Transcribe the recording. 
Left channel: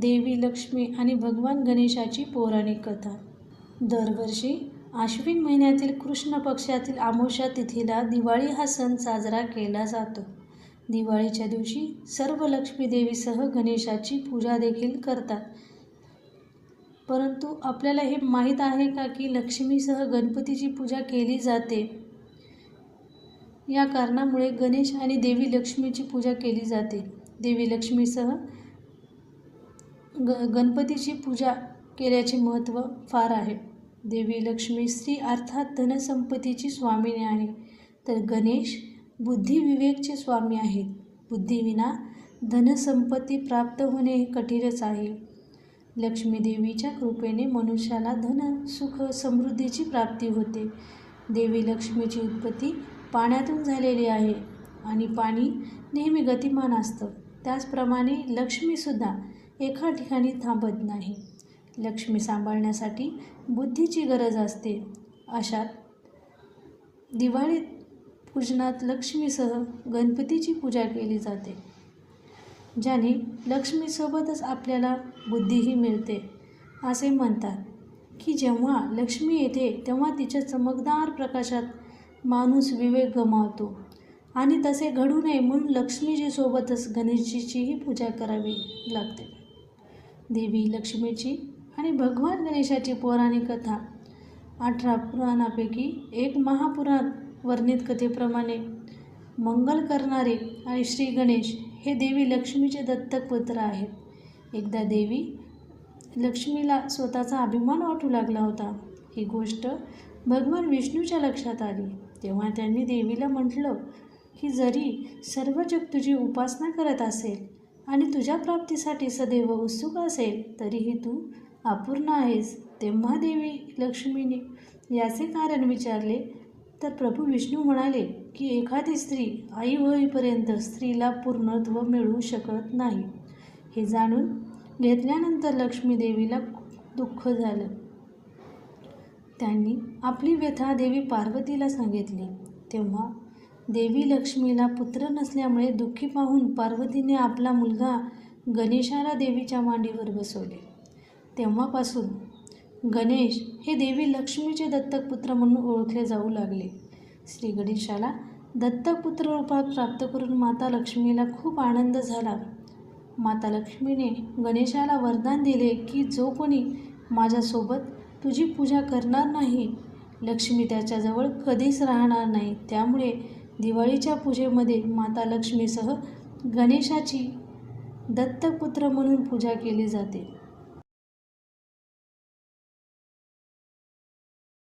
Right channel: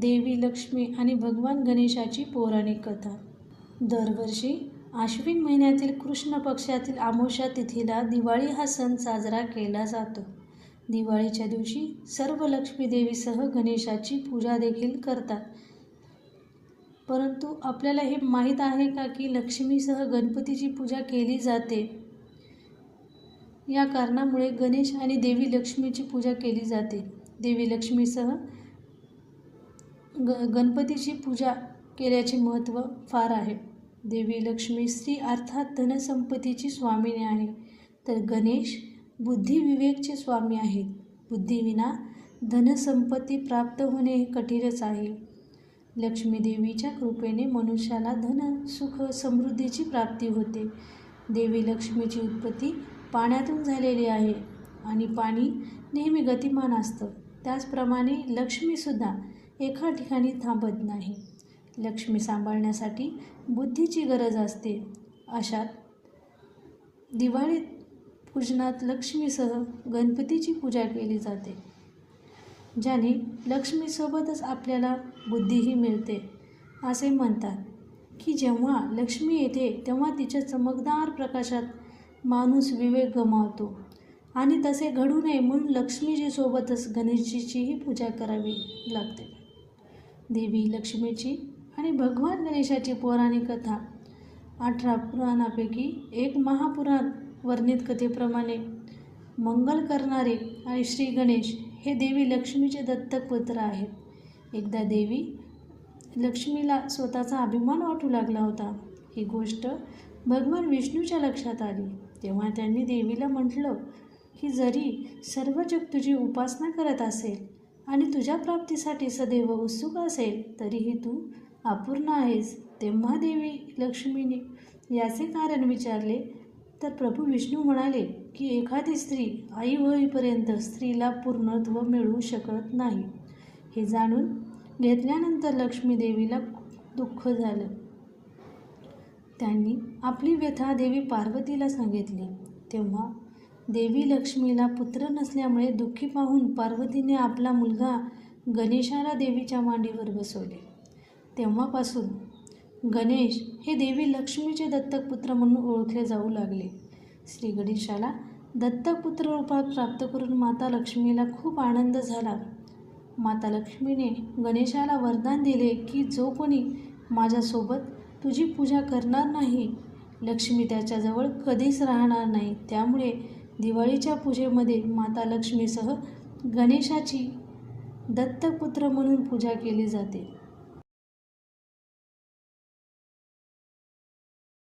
देवी लक्ष्मी आणि भगवान गणेशाची पौराणिक कथा. दरवर्षी आश्विन महिन्यातील कृष्ण पक्षातील आमोशा तिथीला दिवाळी हा सण साजरा केला जातो. दिवाळीच्या दिवशी सर्व लक्ष्मी देवीसह गणेशाची पूजा देखील करतात. परंतु आपल्याला हे माहीत आहे का की लक्ष्मीसह गणपतीची पूजा केली जाते? या कारणामुळे गणेश आणि देवी लक्ष्मीची पूजा केली जाते. देवी लक्ष्मीसह ग गणपतीची पूजा केल्याचे महत्त्व फार आहे. देवी लक्ष्मी स्त्री अर्थात धनसंपत्तीची स्वामिनी आहे. तर गणेश बुद्धिविवेकचे स्वामी आहेत. बुद्धीविना धनसंपत्ती प्राप्त होणे हे कठीणच आहे. लक्ष्मी देवीच्या कृपेने मनुष्याला धन सुख समृद्धीची प्राप्ती होते. देवी लक्ष्मीची उत्पत्ती पाण्यातून झालेली आहे आणि पाणी नेहमी गतिमान असतं. त्याचप्रमाणे लक्ष्मीसुद्धा एका ठिकाणी थांबत नाही. लक्ष्मी सांभाळण्यासाठी बुद्धीची गरज असते. अशात दिवाळीत पूजनात लक्ष्मीसह गणपतीची पूजा केली जाते ज्याने लक्ष्मीसोबतच आपल्याला बुद्धीही मिळते. असे म्हणतात की जेव्हा लक्ष्मी येते तेव्हा तिच्या चमकदार प्रकाशात माणूस विवेक गमावतो आणि तसे घडू नये म्हणून लक्ष्मीजी सोबतच गणेशजीचीही पूजा करावी लागते. देवी लक्ष्मीची आणि भगवान गणेशाची पौराणिक कथा. अठरा पुराणापैकी एक महापुराण वर्णित कथेप्रमाणे मंगल करणारे आणि श्री गणेश हे देवी लक्ष्मीचे दत्तक पुत्र आहेत. एकदा देवी लक्ष्मीला स्वतःचा अभिमान वाटू लागला होता. ही गोष्ट भगवान विष्णूच्या लक्षात आली. तेव्हा त्यांनी देवीला म्हटलं की जरी सर्व जग तुझी उपासना करत असेल आणि तुझ्या प्राप्तीसाठी सदैव उत्सुक असेल तरीही तू अपूर्ण आहेस तेव्हा देवी लक्ष्मीने याचे कारण विचारले. तर प्रभू विष्णू म्हणाले की एखादी स्त्री आई होईपर्यंत स्त्रीला पूर्णत्व मिळू शकत नाही. हे जाणून घेतल्यानंतर लक्ष्मी देवीला दुःख झालं. त्यांनी आपली व्यथा देवी पार्वतीला सांगितली. तेव्हा देवी लक्ष्मीला पुत्र नसल्यामुळे दुःखी पाहून पार्वतीने आपला मुलगा गणेशाला देवीच्या मांडीवर बसवले. तेव्हापासून गणेश हे देवी लक्ष्मीचे दत्तक पुत्र म्हणून ओळखले जाऊ लागले. श्री गणेशाला दत्तक पुत्र रूपात प्राप्त करून माता लक्ष्मीला खूप आनंद झाला. माता लक्ष्मीने गणेशाला वरदान दिले की जो कोणी माझ्यासोबत तुझी पूजा करणार नाही लक्ष्मी त्याच्याजवळ कधीच राहणार नाही. त्यामुळे दिवाळीच्या पूजेमध्ये माता लक्ष्मीसह गणेशाची दत्तपुत्र म्हणून पूजा केली जाते.